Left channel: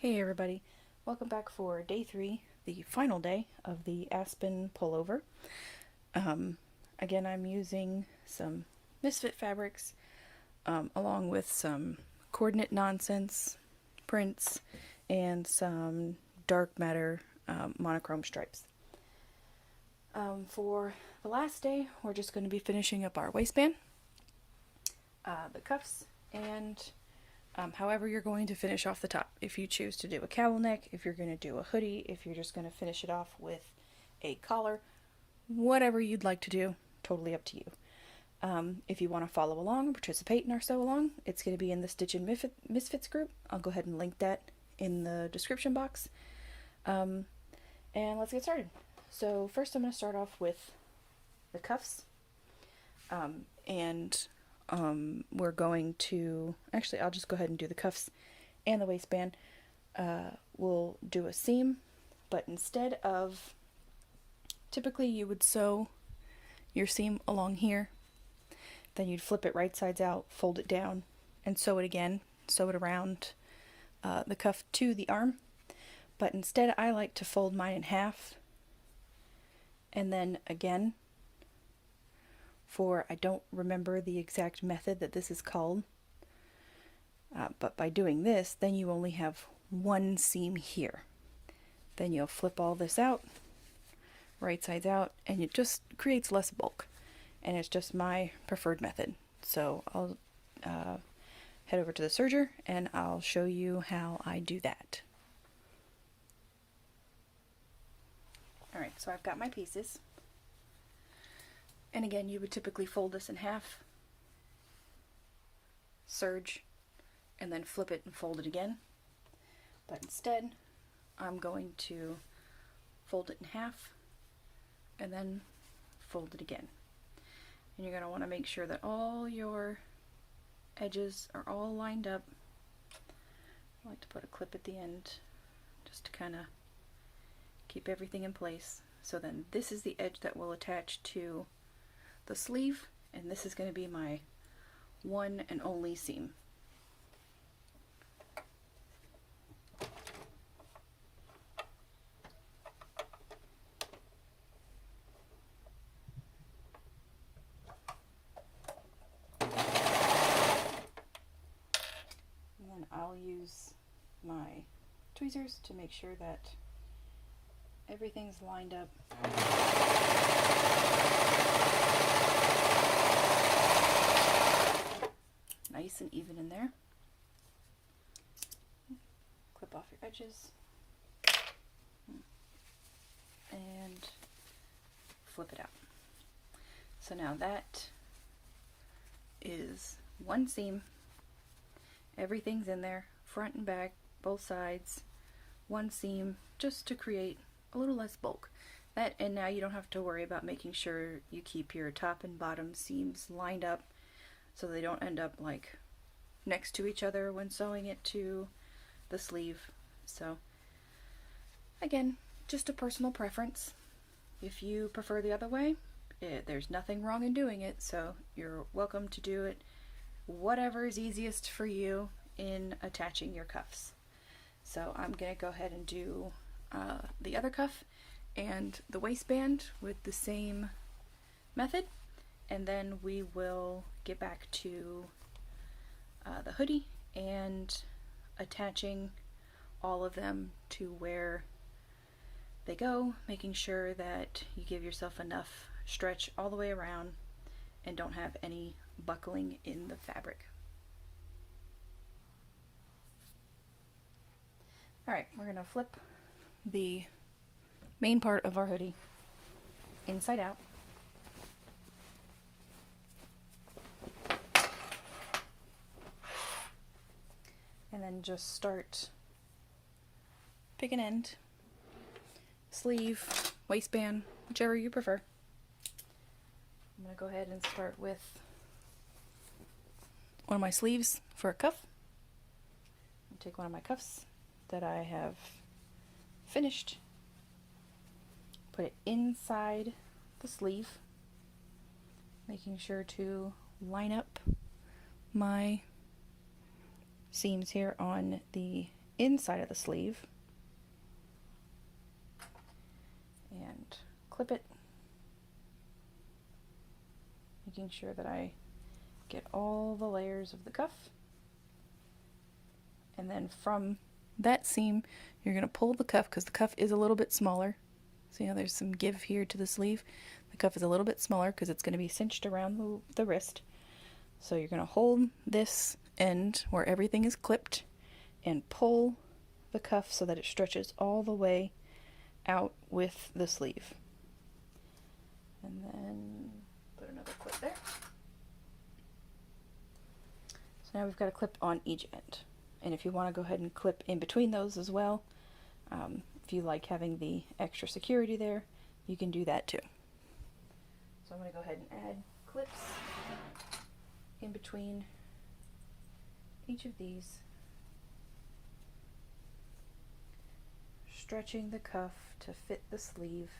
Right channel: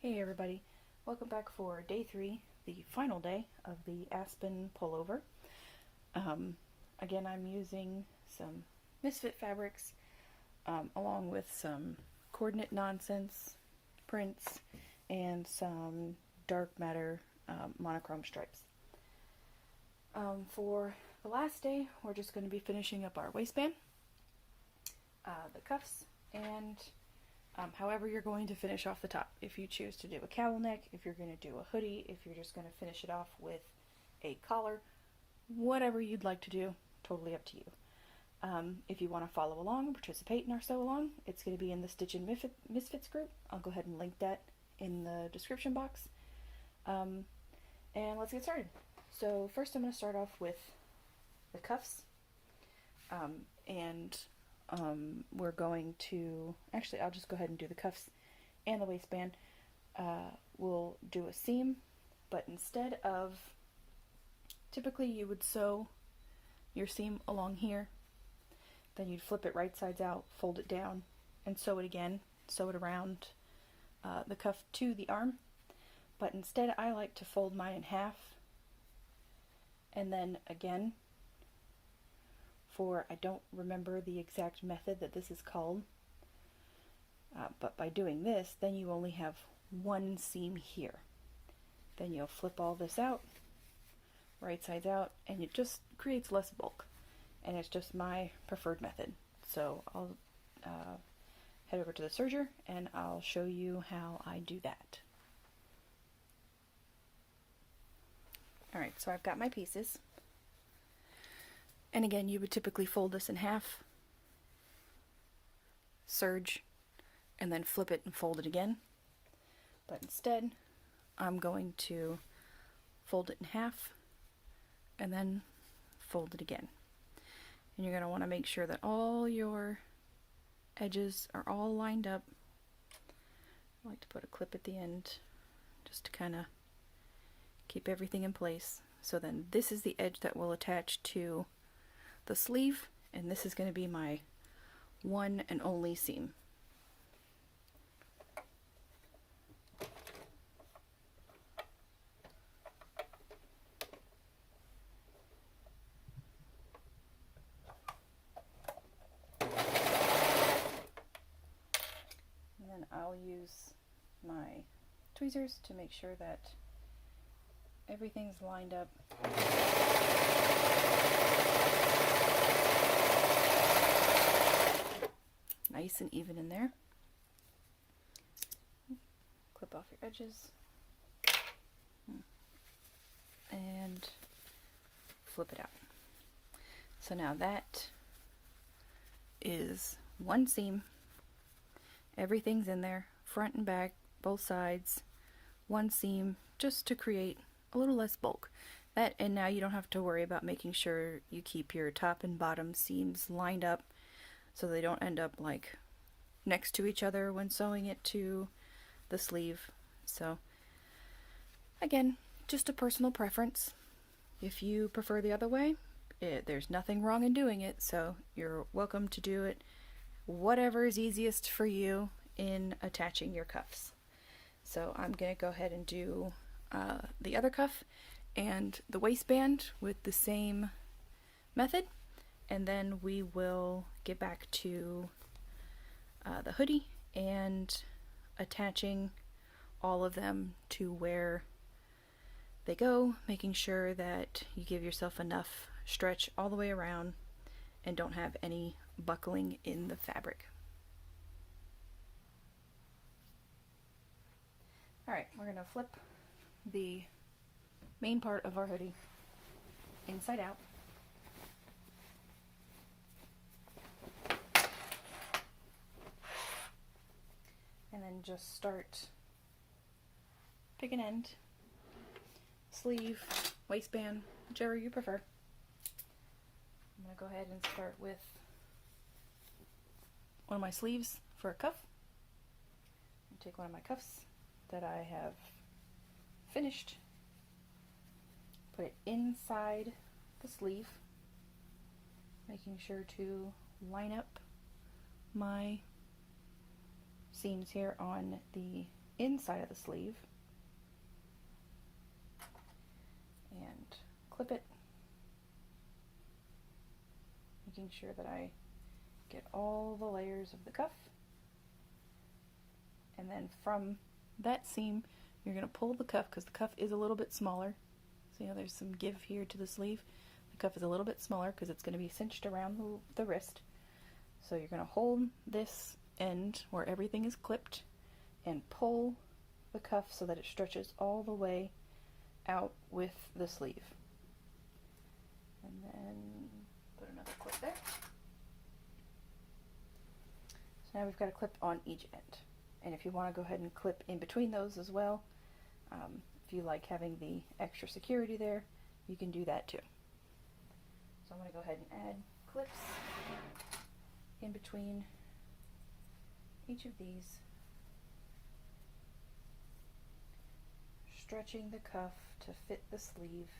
Hey everybody, welcome back for day 3, the final day of the Aspen Pullover. Again, I'm using some Misfit fabrics along with some coordinate nonsense prints and some dark matter monochrome stripes. For the last day, we're just going to be finishing up our waistband, the cuffs, and however you're going to finish off the top. If you choose to do a cowl neck, if you're going to do a hoodie, if you're just going to finish it off with a collar, whatever you'd like to do, totally up to you. If you want to follow along and participate in our sew along, it's going to be in the Stitchin MsFits group. I'll go ahead and link that in the description box. And let's get started. So first I'm going to start off with the cuffs. We're going to, actually I'll just go ahead and do the cuffs and the waistband. We'll do a seam, but instead of, typically you would sew your seam along here, then you'd flip it right sides out, fold it down, and sew it again, sew it around the cuff to the arm. But instead I like to fold mine in half, and then again, I don't remember the exact method that this is called, but by doing this, then you only have one seam here. Then you'll flip all this out, right sides out, and it just creates less bulk, and it's just my preferred method. So I'll head over to the serger and I'll show you how I do that. Alright, so I've got my pieces. And again, you would typically fold this in half, serge, and then flip it and fold it again. But instead, I'm going to fold it in half and then fold it again. And you're going to want to make sure that all your edges are all lined up. I like to put a clip at the end just to kind of keep everything in place. So then this is the edge that will attach to the sleeve, and this is going to be my one and only seam. And then I'll use my tweezers to make sure that everything's lined up. Nice and even in there. Clip off your edges and flip it out. So now that is one seam. Everything's in there, front and back, both sides, one seam, just to create a little less bulk. That, and now you don't have to worry about making sure you keep your top and bottom seams lined up so they don't end up like next to each other when sewing it to the sleeve. So again, just a personal preference. If you prefer the other way, there's nothing wrong in doing it, so you're welcome to do it whatever is easiest for you in attaching your cuffs. So I'm going to go ahead and do the other cuff and the waistband with the same method, and then we will get back to the hoodie and attaching all of them to where they go, making sure that you give yourself enough stretch all the way around and don't have any buckling in the fabric. Alright, we're going to flip the main part of our hoodie inside out. And then just start pick an end, sleeve, waistband, whichever you prefer. I'm going to go ahead and start with one of my sleeves for a cuff. Take one of my cuffs that I have finished, put it inside the sleeve, making sure to line up my seams here on the inside of the sleeve and clip it, making sure that I get all the layers of the cuff. And then from that seam, you're going to pull the cuff, because the cuff is a little bit smaller. See how there's some give here to the sleeve? The cuff is a little bit smaller because it's going to be cinched around the wrist. So you're going to hold this end where everything is clipped and pull the cuff so that it stretches all the way out with the sleeve. And then put another clip there. So now we've got a clip on each end. And if you want to go ahead and clip in between those as well, if you like having the extra security there, you can do that too. So I'm going to go ahead and add clips in between each of these, stretching the cuff to fit the sleeve,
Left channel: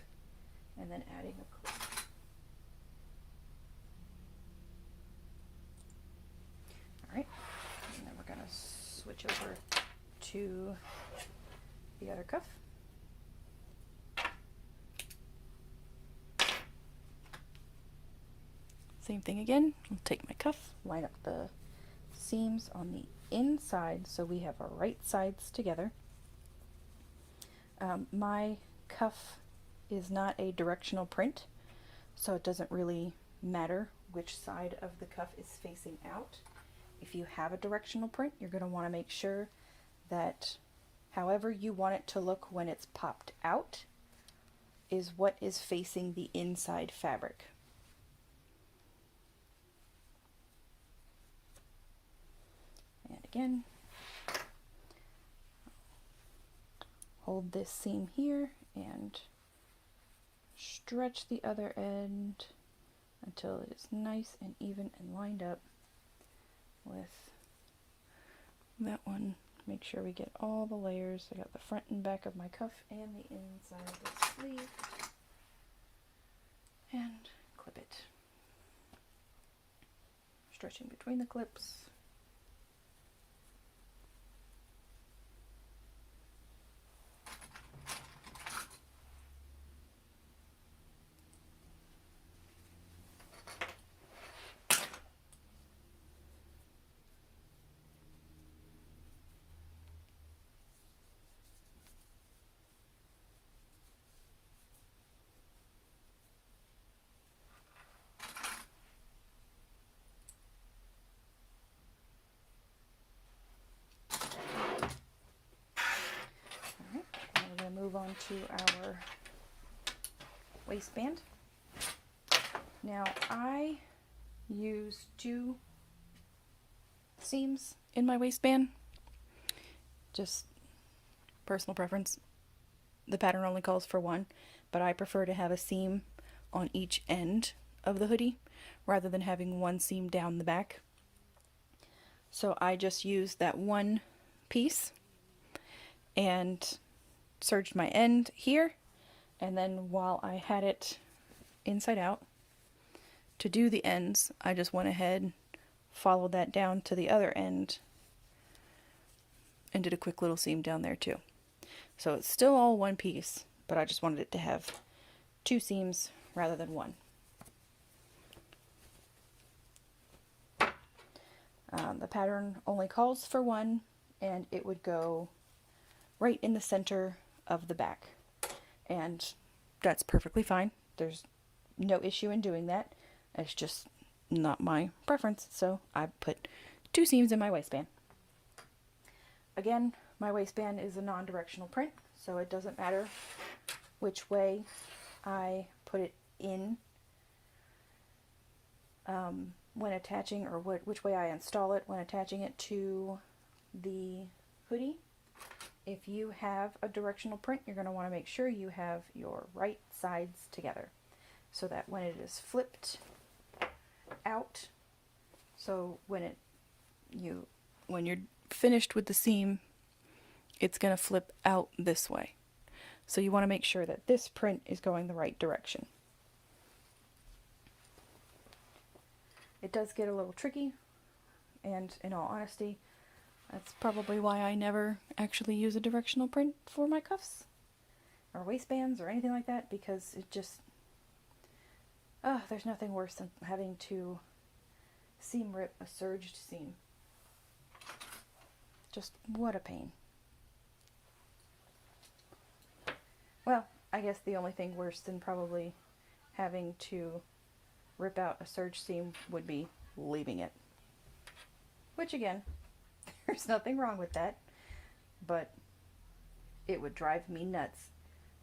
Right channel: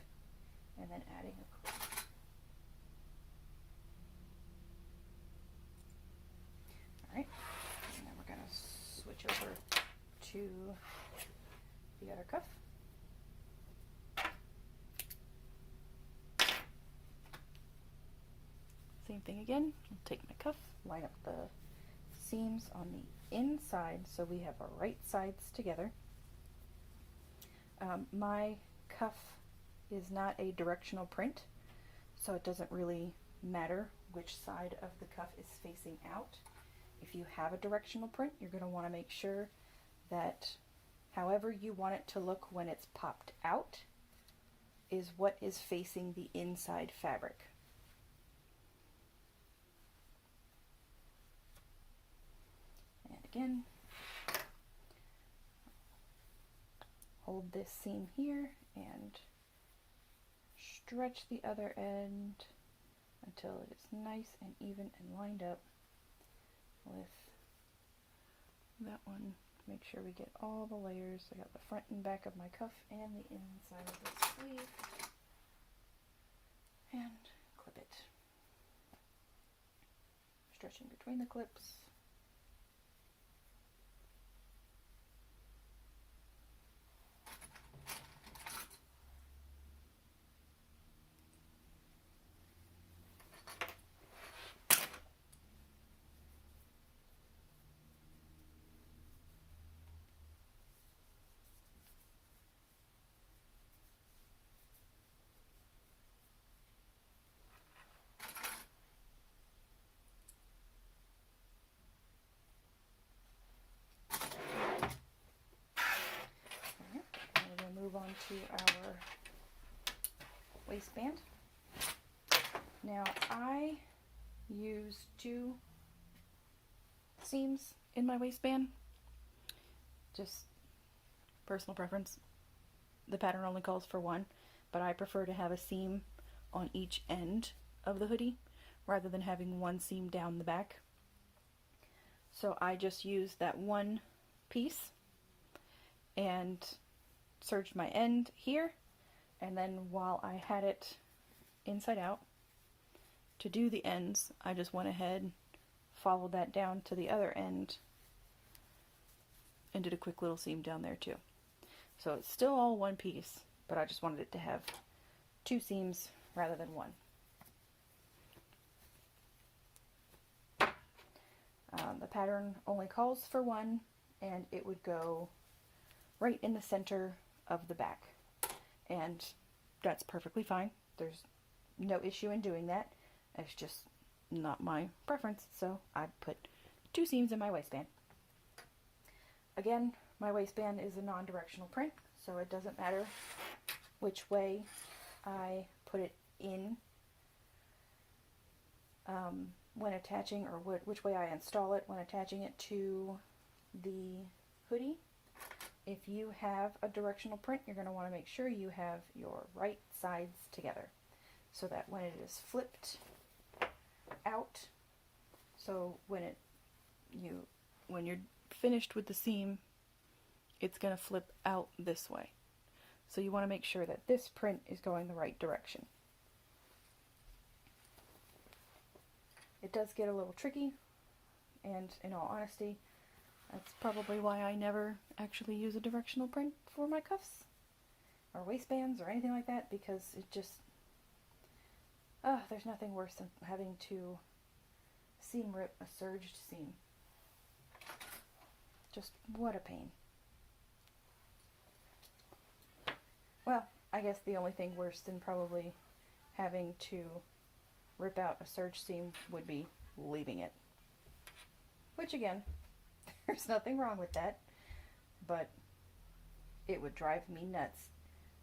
and then adding a clip. Alright, and then we're going to switch over to the other cuff. Same thing again. I'll take my cuff, line up the seams on the inside so we have our right sides together. My cuff is not a directional print, so it doesn't really matter which side of the cuff is facing out. If you have a directional print, you're going to want to make sure that however you want it to look when it's popped out is what is facing the inside fabric. And again, hold this seam here and stretch the other end until it is nice and even and lined up with that one. Make sure we get all the layers. I got the front and back of my cuff and the inside of the sleeve. And clip it. Stretching between the clips. Move on to our waistband. Now I use 2 seams in my waistband, just personal preference. The pattern only calls for 1, but I prefer to have a seam on each end of the hoodie rather than having 1 seam down the back. So I just use that 1 piece and serged my end here, and then while I had it inside out to do the ends, I just went ahead, followed that down to the other end, and did a quick little seam down there too. So it's still all 1 piece, but I just wanted it to have 2 seams rather than 1. The pattern only calls for 1, and it would go right in the center of the back, and that's perfectly fine. There's no issue in doing that. It's just not my preference, so I put 2 seams in my waistband. Again, my waistband is a non-directional print, so it doesn't matter which way I put it in when attaching, or which way I install it when attaching it to the hoodie. If you have a directional print, you're going to want to make sure you have your right sides together so that when it is flipped out, so when you're finished with the seam, it's going to flip out this way. So you want to make sure that this print is going the right direction. It does get a little tricky, and in all honesty, That's probably why I never actually use a directional print for my cuffs or waistbands or anything like that, because it just, there's nothing worse than having to seam rip a serged seam. Just what a pain. Well, I guess the only thing worse than probably having to rip out a serged seam would be leaving it. Which again, there's nothing wrong with that, but it would drive me nuts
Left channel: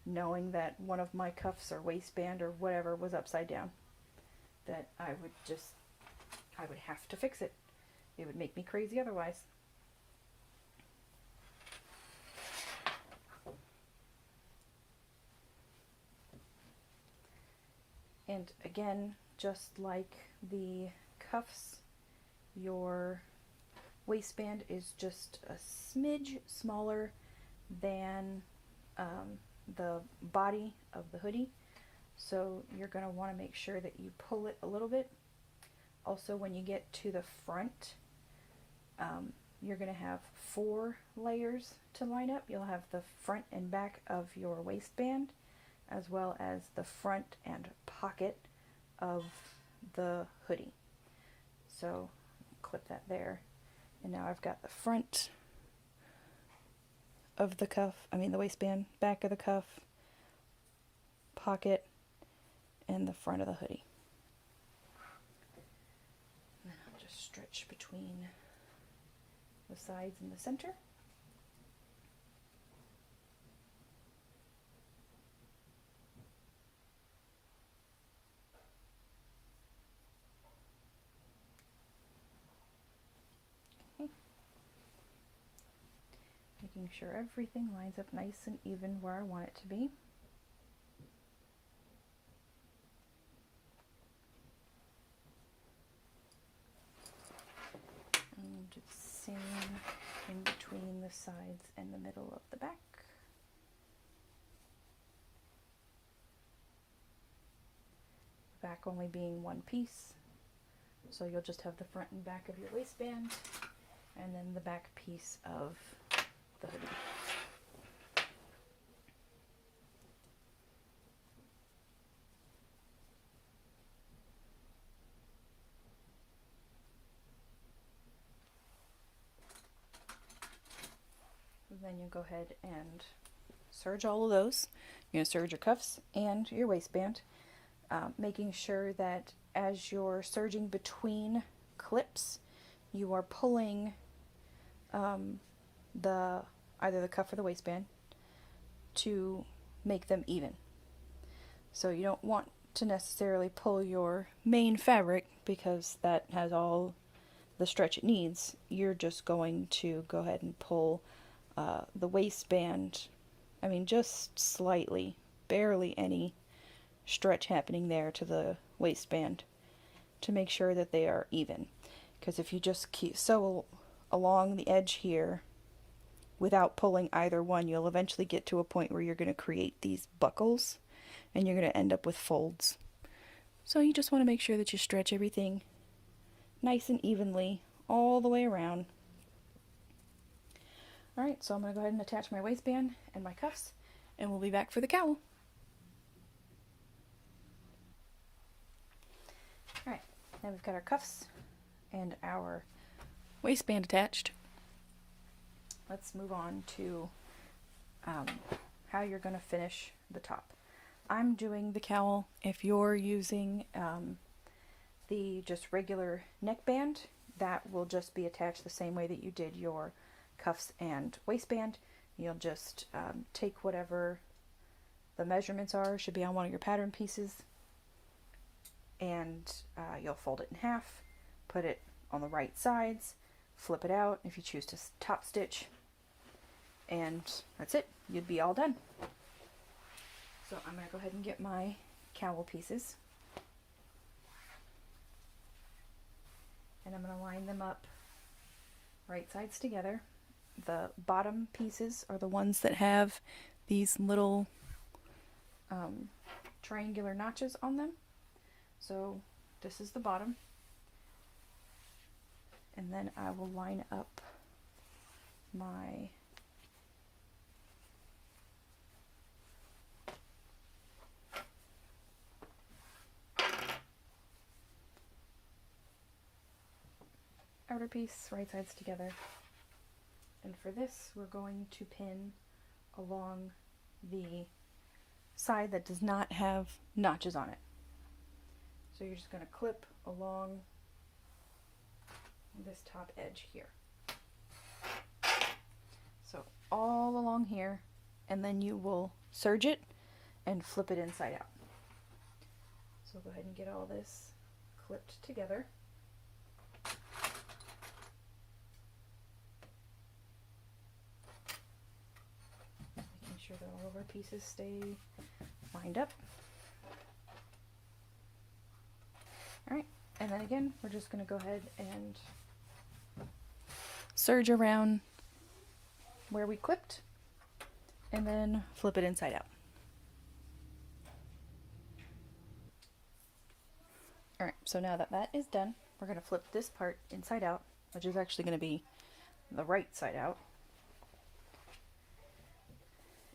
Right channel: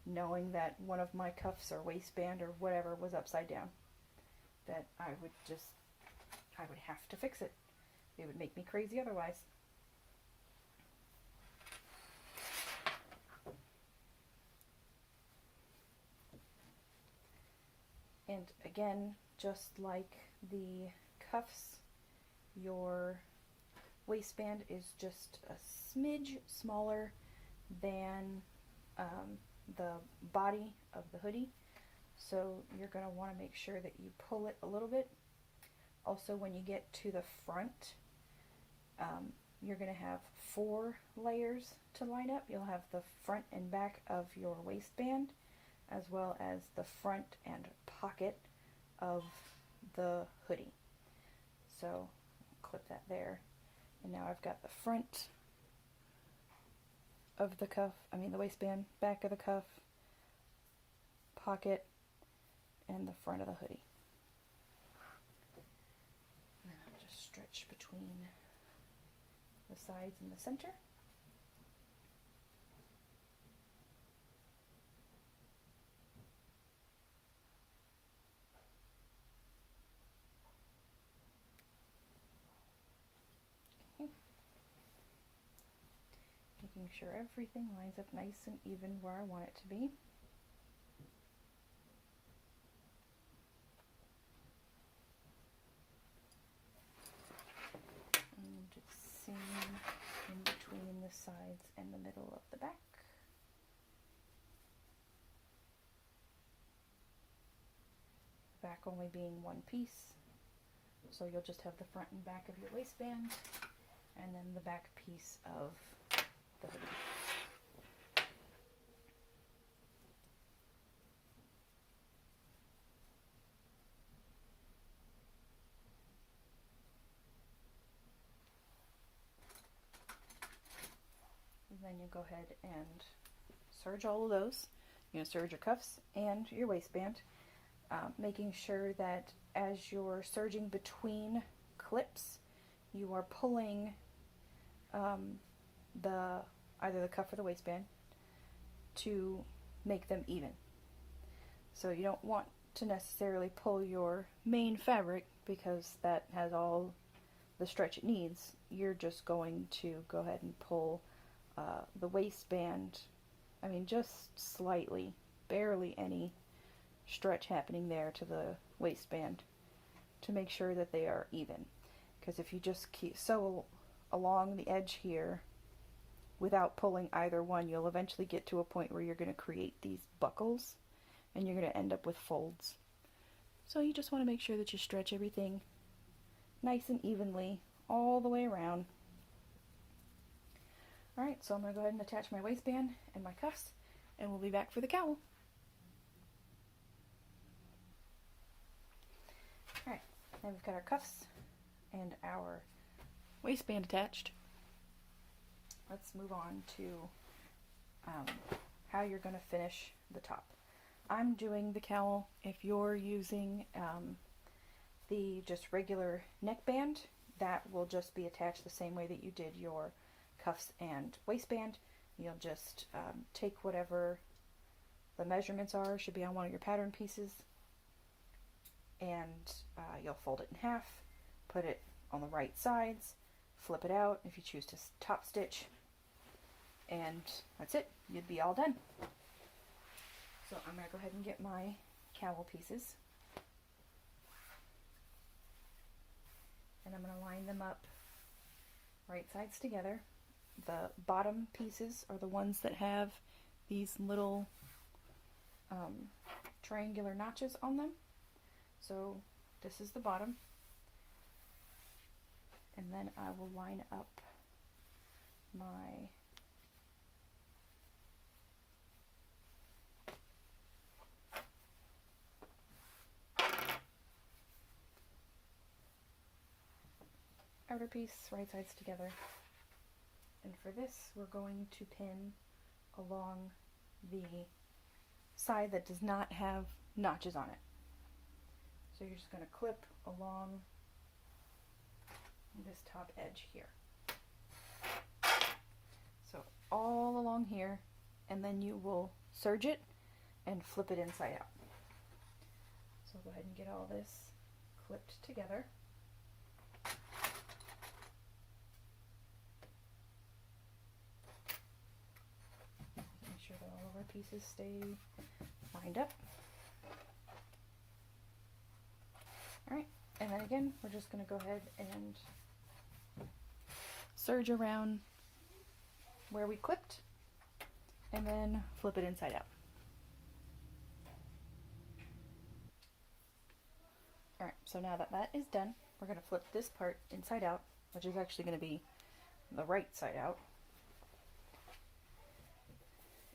knowing that one of my cuffs or waistband or whatever was upside down. That I would have to fix it. It would make me crazy otherwise. And again, just like the cuffs, your waistband is just a smidge smaller than the body of the hoodie. So you're going to want to make sure that you pull it a little bit. Also, when you get to the front, you're going to have 4 layers to line up. You'll have the front and back of your waistband, as well as the front and pocket of the hoodie. So clip that there. And now I've got the front of the cuff, the waistband, back of the cuff, pocket, and the front of the hoodie. And then I'll just stretch between the sides and the center. Okay. Making sure everything lines up nice and even where I want it to be. And just seam in between the sides and the middle of the back. Back only being one piece, so you'll just have the front and back of your waistband, and then the back piece of the hoodie. Then you'll go ahead and serge all of those. You're going to serge your cuffs and your waistband, making sure that as you're serging between clips, you are pulling either the cuff or the waistband to make them even. So you don't want to necessarily pull your main fabric because that has all the stretch it needs. You're just going to go ahead and pull the waistband, just slightly, barely any stretch happening there to the waistband to make sure that they are even. Because if you just keep sew along the edge here without pulling either one, you'll eventually get to a point where you're going to create these buckles and you're going to end up with folds. So you just want to make sure that you stretch everything nice and evenly all the way around. Alright, so I'm going to go ahead and attach my waistband and my cuffs, and we'll be back for the cowl. Alright, now we've got our cuffs and our waistband attached. Let's move on to how you're going to finish the top. I'm doing the cowl. If you're using the just regular neckband, that will just be attached the same way that you did your cuffs and waistband. You'll just take whatever the measurements are, should be on one of your pattern pieces, and you'll fold it in half, put it on the right sides, flip it out if you choose to top stitch, and that's it. You'd be all done. So I'm going to go ahead and get my cowl pieces, and I'm going to line them up right sides together. The bottom pieces are the ones that have these little triangular notches on them. So this is the bottom, and then I will line up my outer piece, right sides together. And for this, we're going to pin along the side that does not have notches on it. So you're just going to clip along this top edge here. So all along here, and then you will serge it and flip it inside out. So go ahead and get all this clipped together. Making sure that all of our pieces stay lined up. Alright, and then again, we're just going to go ahead and serge around where we clipped, and then flip it inside out. Alright, so now that that is done, we're going to flip this part inside out, which is actually going to be the right side out,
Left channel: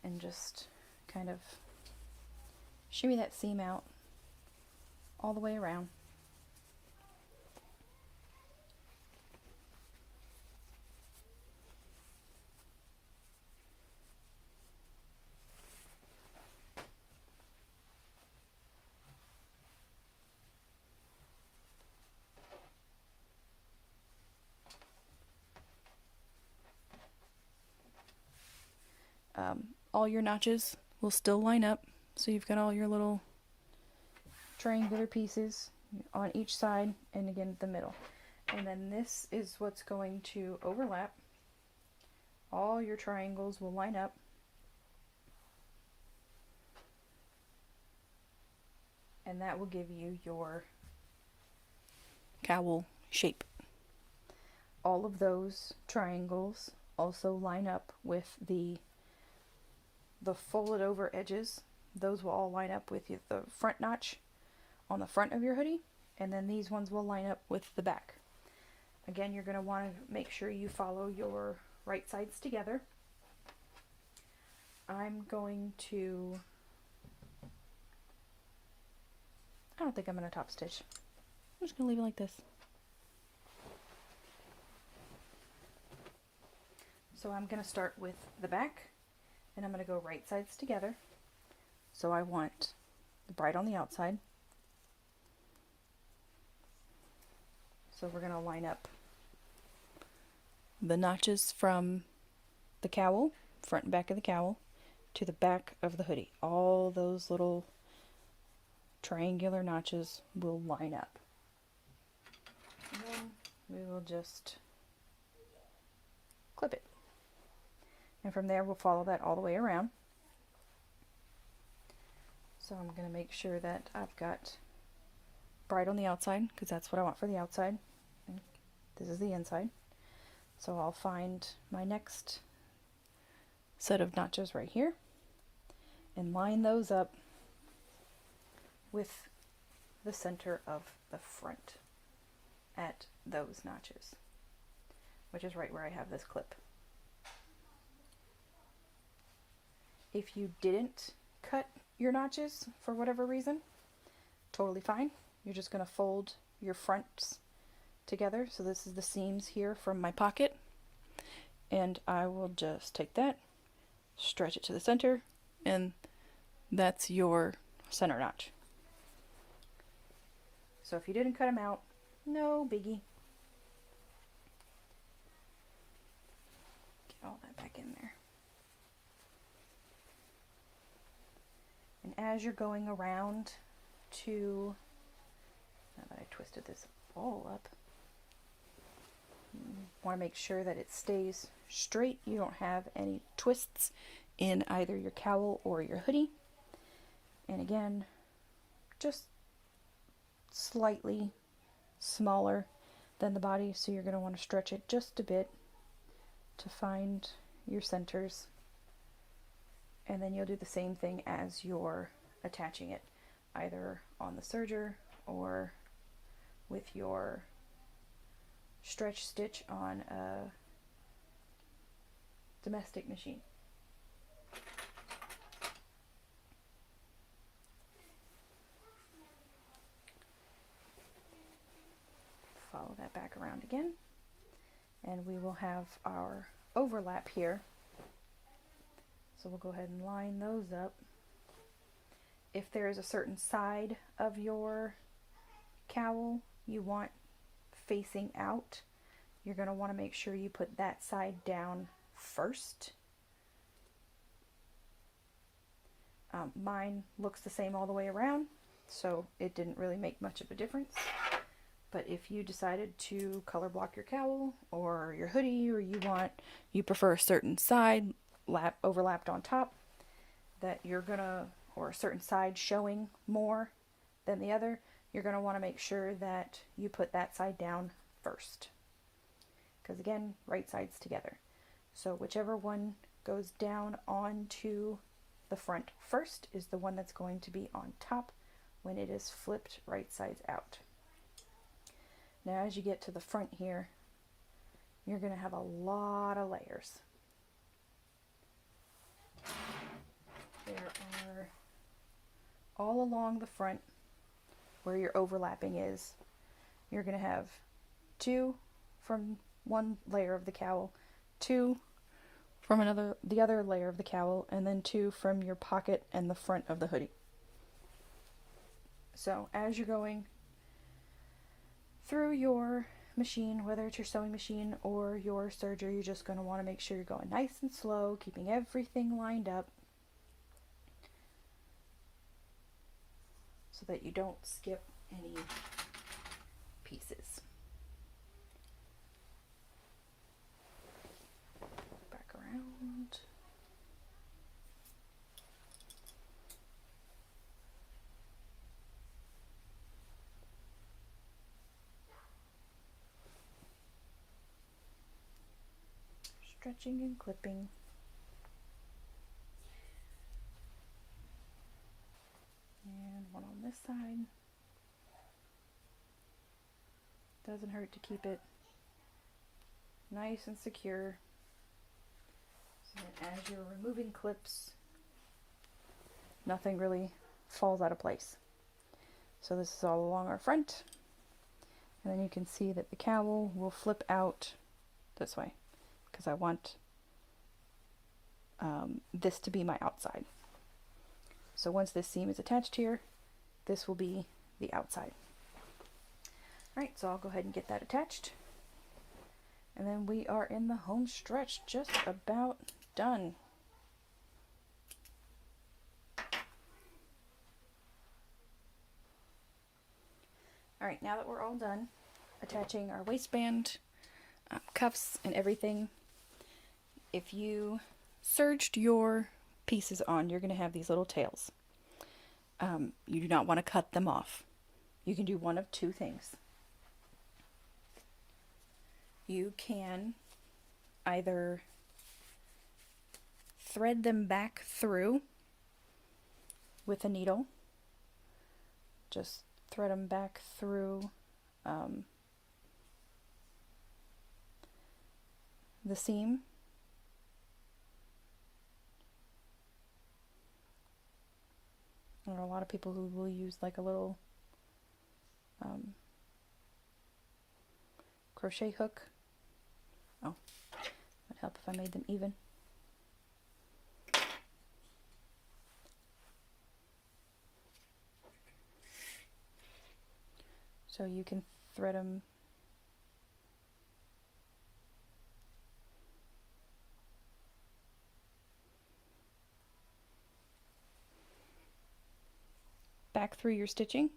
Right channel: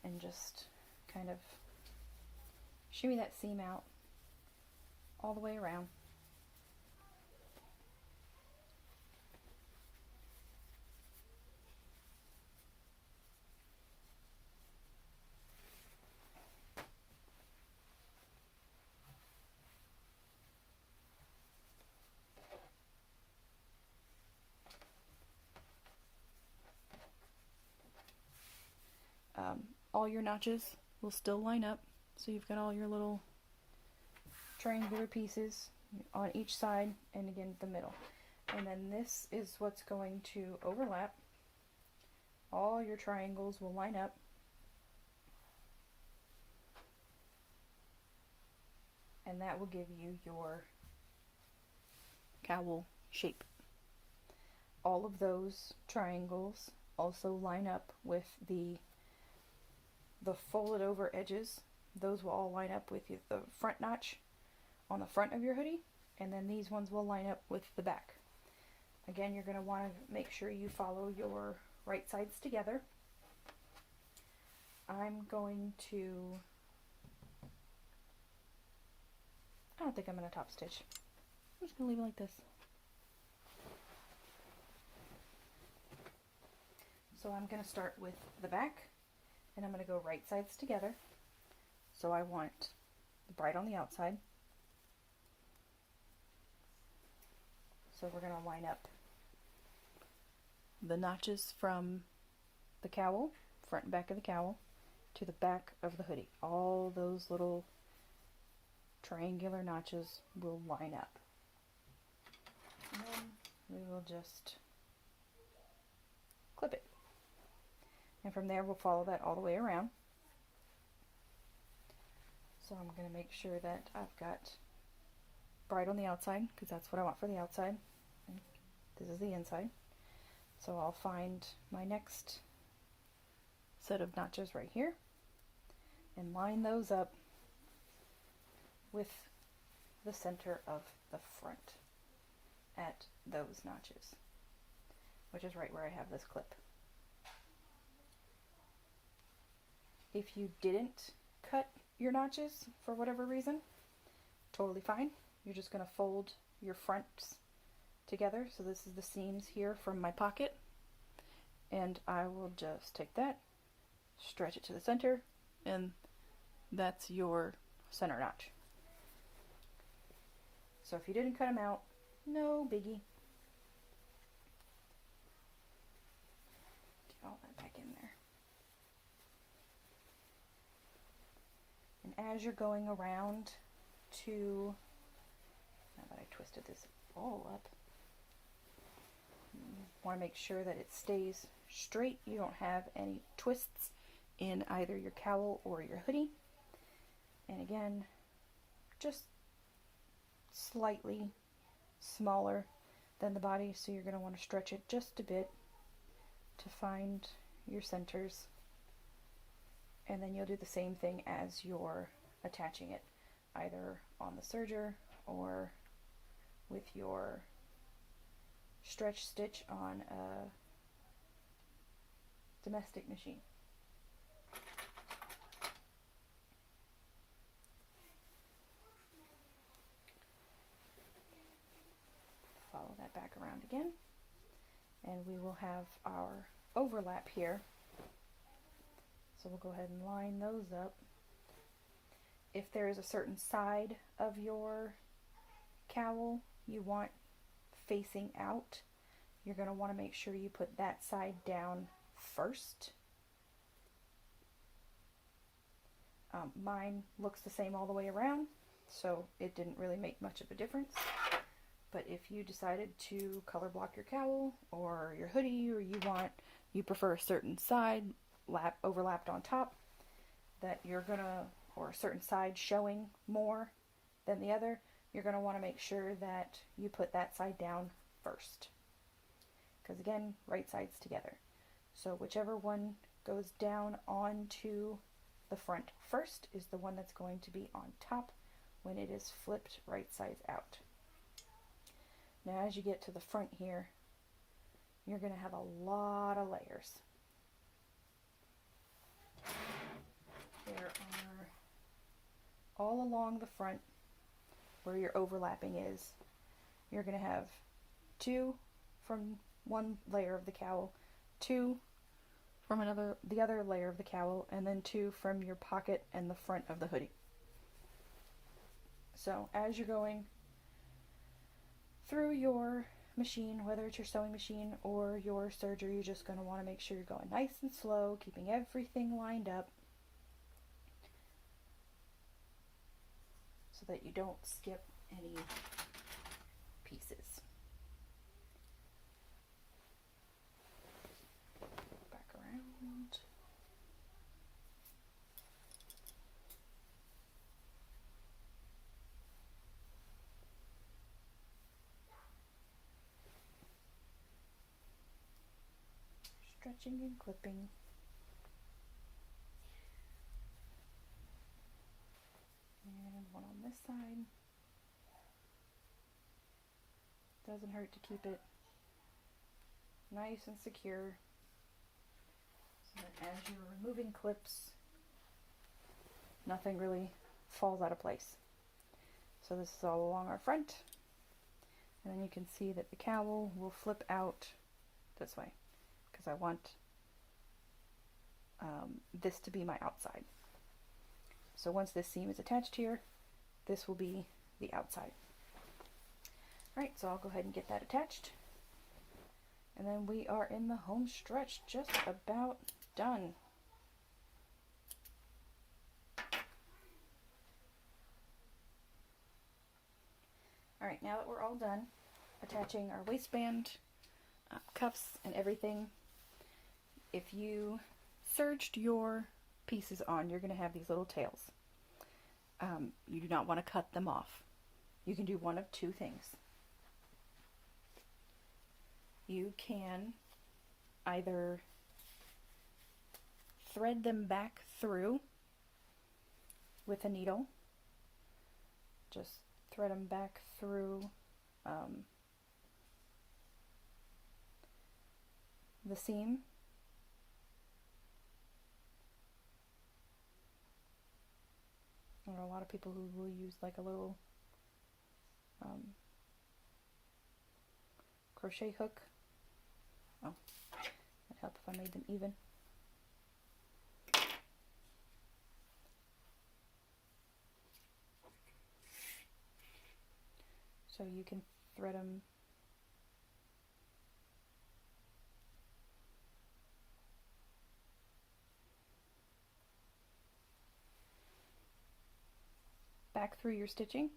and just kind of shimmy that seam out all the way around. All your notches will still line up, so you've got all your little triangular pieces on each side and again the middle. And then this is what's going to overlap. All your triangles will line up. And that will give you your cowl shape. All of those triangles also line up with the folded over edges. Those will all line up with the front notch on the front of your hoodie, and then these ones will line up with the back. Again, you're going to want to make sure you follow your right sides together. I'm going to, I don't think I'm going to top stitch. I'm just going to leave it like this. So I'm going to start with the back, and I'm going to go right sides together. So I want the bride on the outside. So we're going to line up the notches from the cowl, front and back of the cowl, to the back of the hoodie. All those little triangular notches will line up. And then we will just clip it. And from there we'll follow that all the way around. So I'm going to make sure that I've got bride on the outside, because that's what I want for the outside. And this is the inside. So I'll find my next set of notches right here and line those up with the center of the front at those notches, which is right where I have this clip. If you didn't cut your notches for whatever reason, totally fine. You're just going to fold your fronts together. So this is the seams here from my pocket, and I will just take that, stretch it to the center, and that's your center notch. So if you didn't cut them out, no biggie. Get all that back in there. And as you're going around to, now that I twisted this ball up, you want to make sure that it stays straight. You don't have any twists in either your cowl or your hoodie. And again, just slightly smaller than the body, so you're going to want to stretch it just a bit to find your centers. And then you'll do the same thing as you're attaching it, either on the serger or with your stretch stitch on domestic machine. Follow that back around again, and we will have our overlap here. So we'll go ahead and line those up. If there is a certain side of your cowl you want facing out, you're going to want to make sure you put that side down first. Mine looks the same all the way around, so it didn't really make much of a difference. But if you decided to color block your cowl or your hoodie, or you prefer a certain side overlapped on top, that you're gonna, or a certain side showing more than the other, you're gonna want to make sure that you put that side down first. Because again, right sides together. So whichever one goes down onto the front first is the one that's going to be on top when it is flipped right sides out. Now as you get to the front here, you're going to have a lot of layers. There are, all along the front where your overlapping is, you're going to have 2 from one layer of the cowl, 2 from the other layer of the cowl, and then 2 from your pocket and the front of the hoodie. So as you're going through your machine, whether it's your sewing machine or your serger, you're just going to want to make sure you're going nice and slow, keeping everything lined up so that you don't skip any pieces. Back around. Stretching and clipping. And one on this side. Doesn't hurt to keep it nice and secure so that as you're removing clips, nothing really falls out of place. So this is all along our front, and then you can see that the cowl will flip out this way because I want this to be my outside. So once this seam is attached here, this will be the outside. Alright, so I'll go ahead and get that attached. And then we are in the home stretch, just about done. Alright, now that we're all done attaching our waistband, cuffs, and everything, if you serged your pieces on, you're going to have these little tails. You do not want to cut them off. You can do one of 2 things. You can either thread them back through with a needle. Just thread them back through the seam. There are a lot of people who will use like a little crochet hook. Oh, would help if I made them even. So you can thread them back through your stitching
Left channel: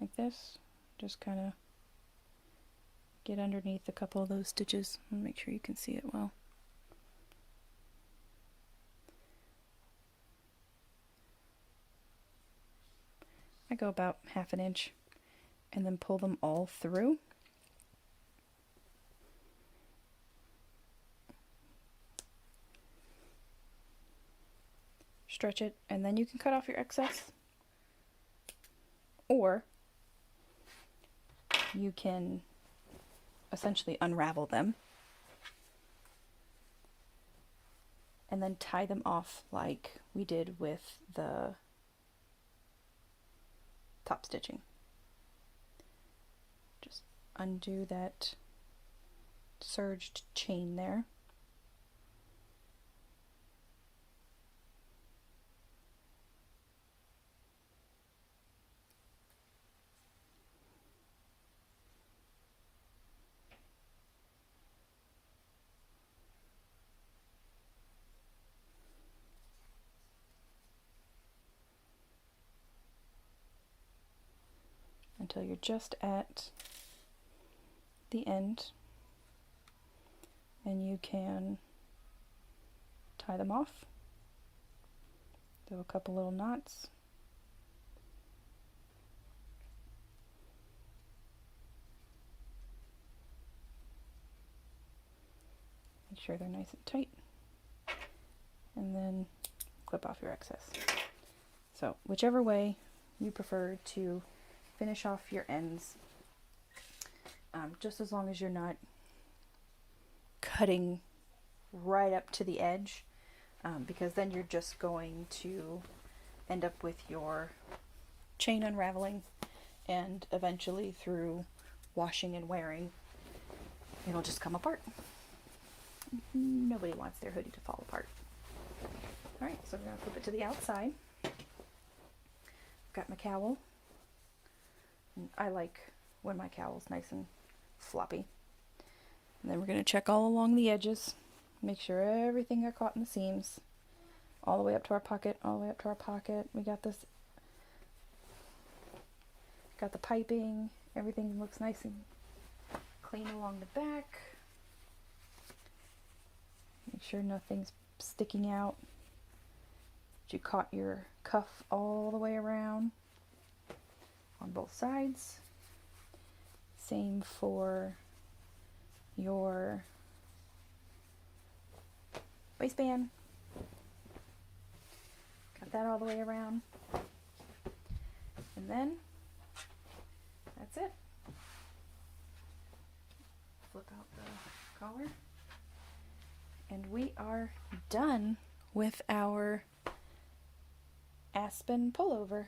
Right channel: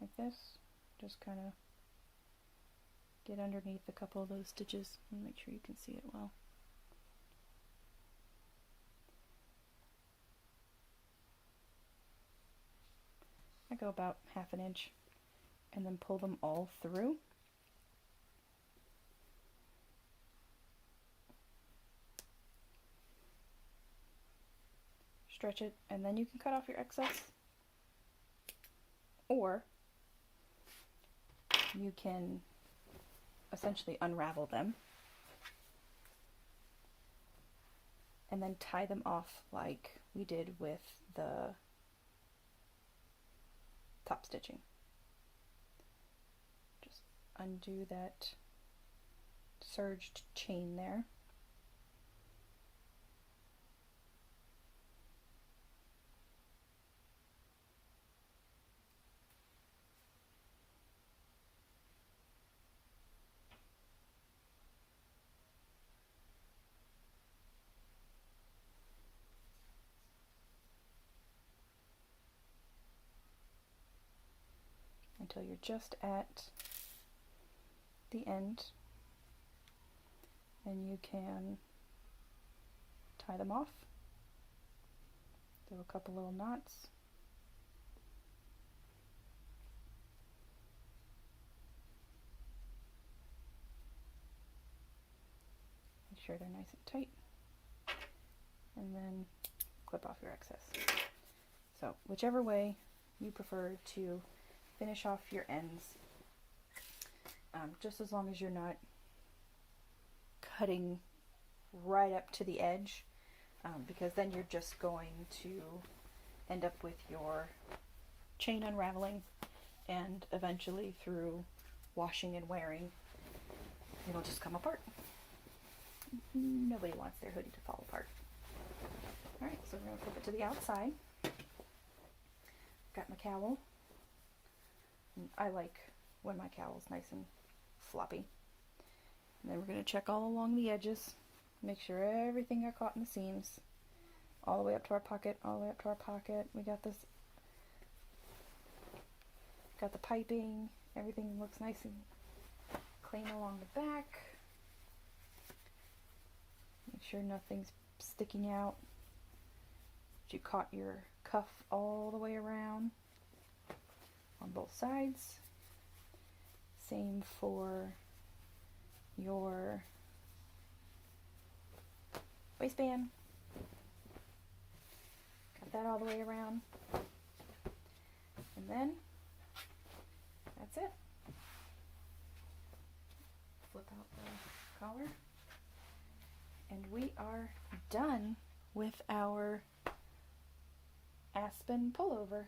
like this. Just kind of get underneath a couple of those stitches and make sure you can see it well. I go about 1/2 inch and then pull them all through. Stretch it, and then you can cut off your excess, or you can essentially unravel them and then tie them off like we did with the top stitching. Just undo that serged chain there. Until you're just at the end, and you can tie them off. Do a couple little knots. Make sure they're nice and tight, and then clip off your excess. So whichever way you prefer to finish off your ends, just as long as you're not cutting right up to the edge, because then you're just going to end up with your chain unraveling, and eventually through washing and wearing, it'll just come apart. Nobody wants their hoodie to fall apart. Alright, so we're going to flip it to the outside. Got my cowl. I like when my cowl's nice and floppy. And then we're going to check all along the edges, make sure everything got caught in the seams, all the way up to our pocket, all the way up to our pocket. We got this, got the piping, everything looks nice and clean along the back. Make sure nothing's sticking out. You caught your cuff all the way around on both sides. Same for your waistband. Got that all the way around. And then that's it. Flip out the collar. And we are done with our Aspen pullover.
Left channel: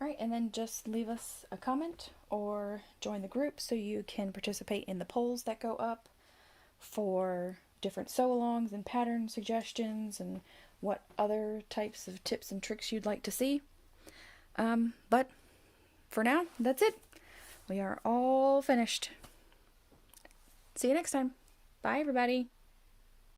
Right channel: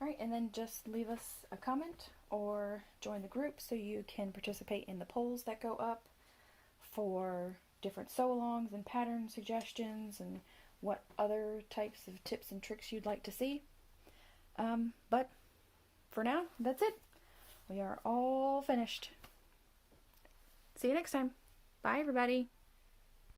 Alright, and then just leave us a comment or join the group so you can participate in the polls that go up for different sew-alongs and pattern suggestions and what other types of tips and tricks you'd like to see. But for now, that's it. We are all finished. See you next time. Bye, everybody.